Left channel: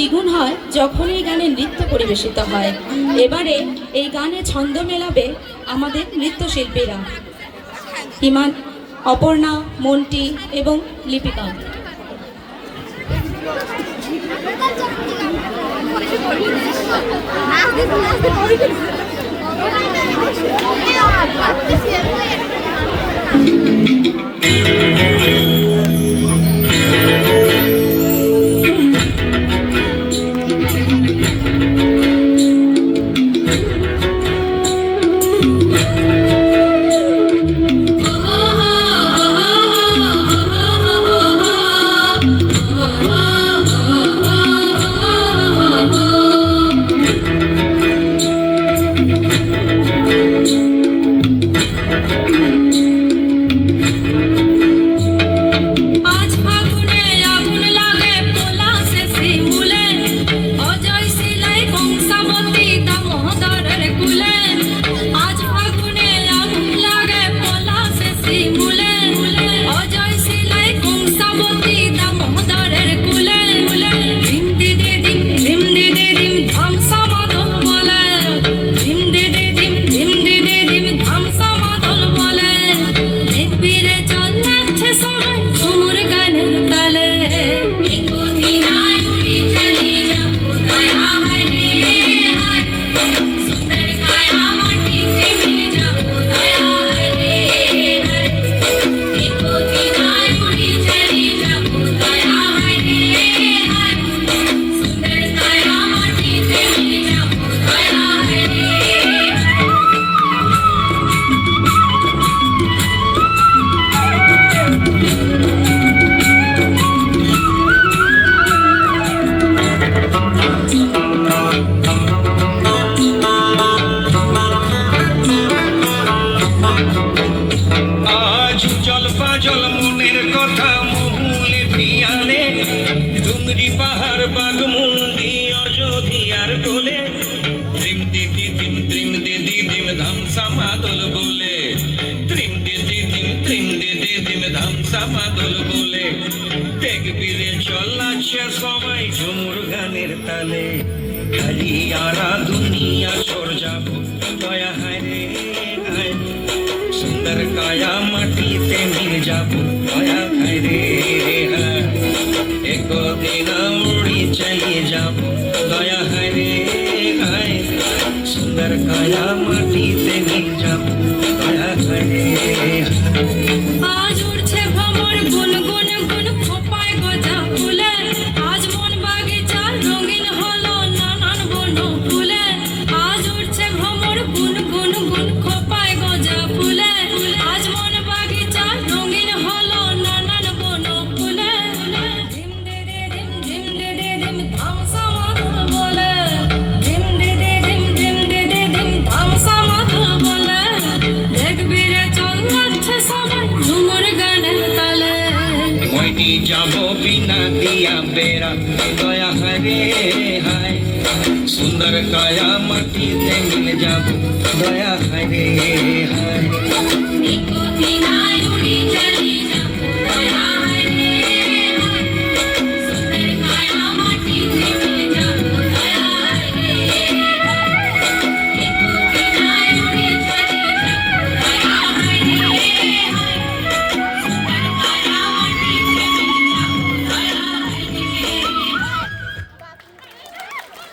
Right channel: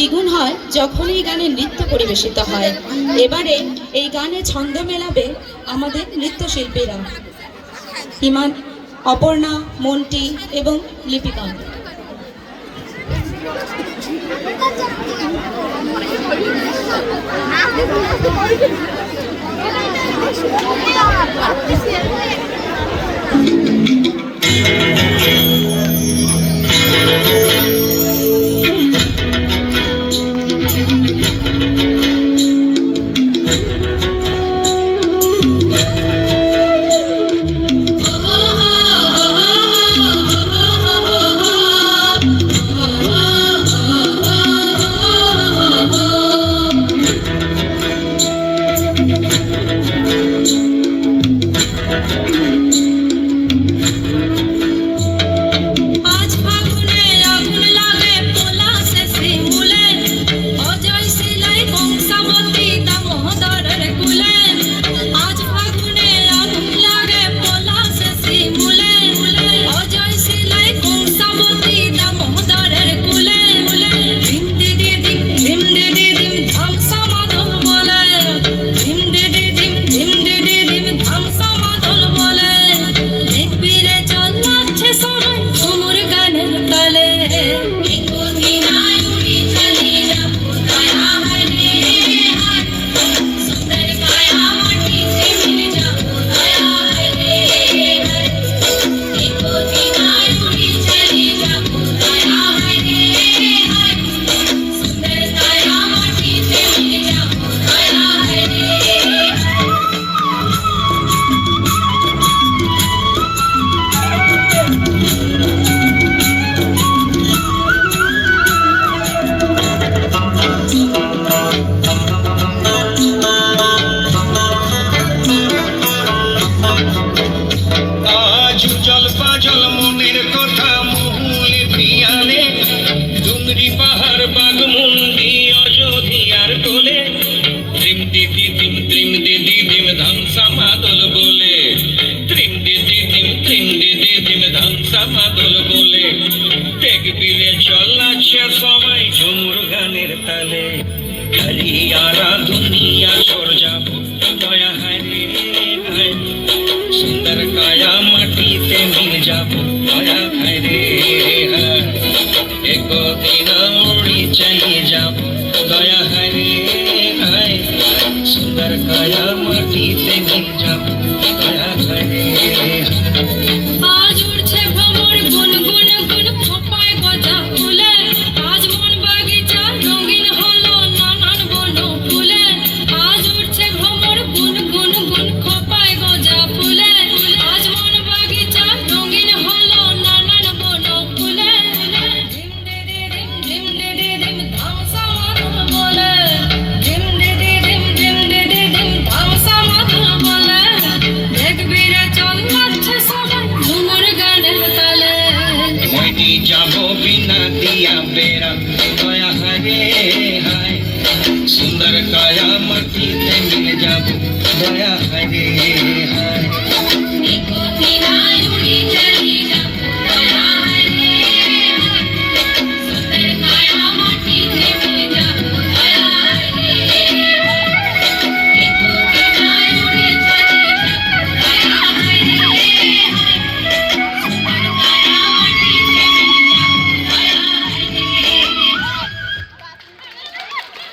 দ্বিগুণ হয় যখন এই গানে নৃত্য পরিবেশিত হয়। এবারে এই গানে ছন্দ মেলাবে আমাদের নৃত্যশিল্পীরা ইমান, অপর্ণা, মন্টি এবং লিপিকা। সবাই ঝুমুর গানের তালে খালি আরা দুনিয়া সর যাব দয়া হারে হায় সুন্দর কায়া মাটিতে মিল যাব দয়া হারে হায় একদিন উড়ি চলে যাব দয়া হারে হায় সুন্দর কায়া মাটিতে মিল যাব দয়া হারে আজ উঠছে ভ্রমর গুনগুন গুন খোপায় গজা ফুলে আজ মন বাগিচা রঙিন হলো নানান বন ফুলে আজ উঠছে ভ্রমর গুনগুন গুন খোপায় গজা ফুলে আজ মন বাগিচা রঙিন হলো নানান বন ফুলে ধিম দে দে ধিম ধিম দে দে ধিম ধামসা মাধুর বলে ধিম দে দে ধিম ধিম দে দে ধিম ধামসা মাধুর বলে দেখবি রে চল নাচছে সবাই ঝুমুর গানের তালে মইটি যাব বিনা দিয়া বেড়া দয়া হরে হায় সুন্দর কায়া মাটিতে মিল যাব দয়া হরে হায়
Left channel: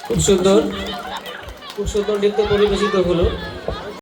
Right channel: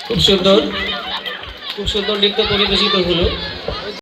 খুব সুন্দর নৃত্য পরিবেশিত হলো।